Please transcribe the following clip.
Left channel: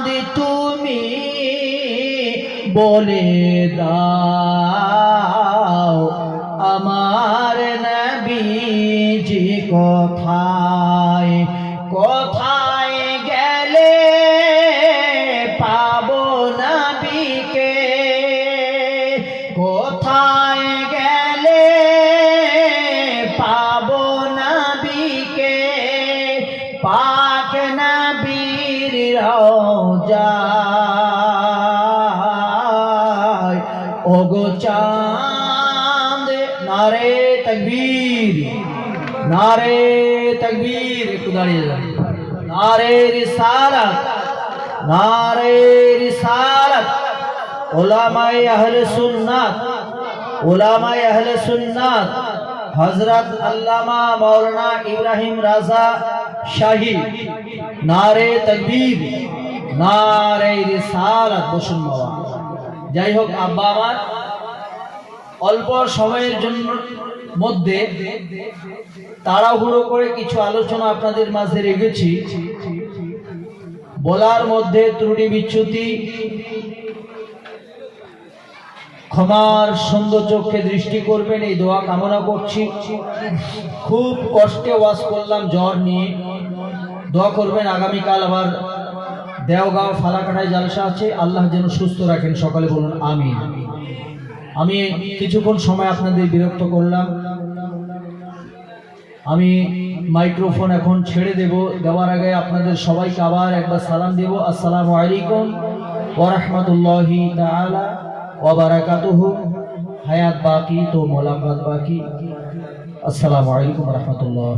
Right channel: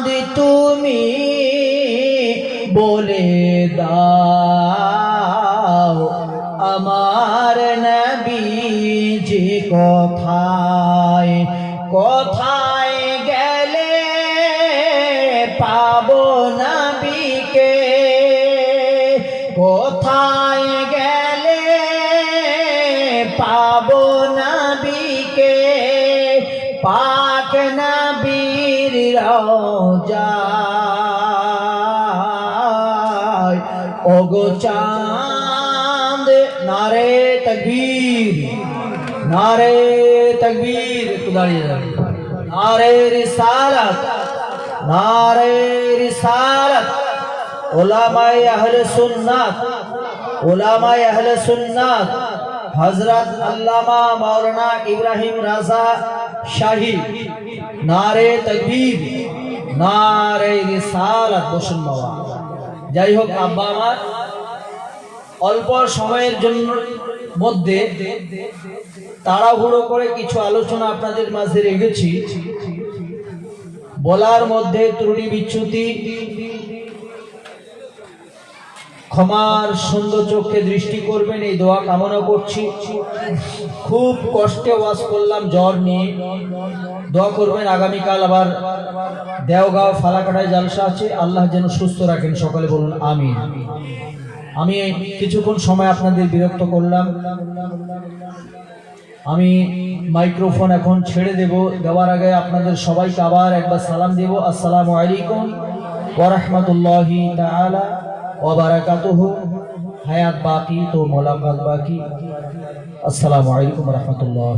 চাঁদ তুমি বলে দাও আমার নবীজি কোথায় কোথায় গেলে পাবো নবীকে কোথায় গেলে পাবো নবীকে পাক নবীর রওজায় ওগো চাঁদ নারে তকবীর নারে তকবীর একটু দাঁড়িয়ে যান নারে রিসালাত নারে রিসালাত উলামায়ে আহলে সুন্নাত উলামায়ে আহলে সুন্নাত হযরত আল্লামা মাওলানা ইব্রাহিম রাজা শাহী নারে তাকবীর নারে রিসালাত বসুন বাবা। যাই হোক আব্বা আমার অল্প সময়ের জন্য মধ্যে তাড়াহুড়ো করে কিছু আলোচনা আপনাদের মাঝে রেখেছি, বলার মধ্যে ত্রুটি বিচ্যুতি ক্ষমার সুন্দর চোখে দৃষ্টি করবেন এই দোয়া কামনা করছি। খুব কষ্টে ওয়াজ করলাম জ্বর নিয়ে, দোয়া করবেন আগামীকাল আবার দেওগাঁও ফালাকাটায় জলসা আছে, আল্লাহ যেন সুস্থ রাখেন, সকালে বলুন আমিন। আমি কিছুক্ষণ সময় আপনাদের বিরক্ত করলাম, আমি মাইক্রোফোন এখন ছেড়ে দেওয়ার আগে আপনাদের সবাইকে আবার একবার সালাম দেব। আসসালামু আলাইকুম ওয়া রাহমাতুল্লাহি তাআলা ওয়া বারাকাতুহু। হায়াত বাকি তো মোলাকাত বাকি। আসসালামু আলাইকুম ওয়া রাহমাতুল্লাহ।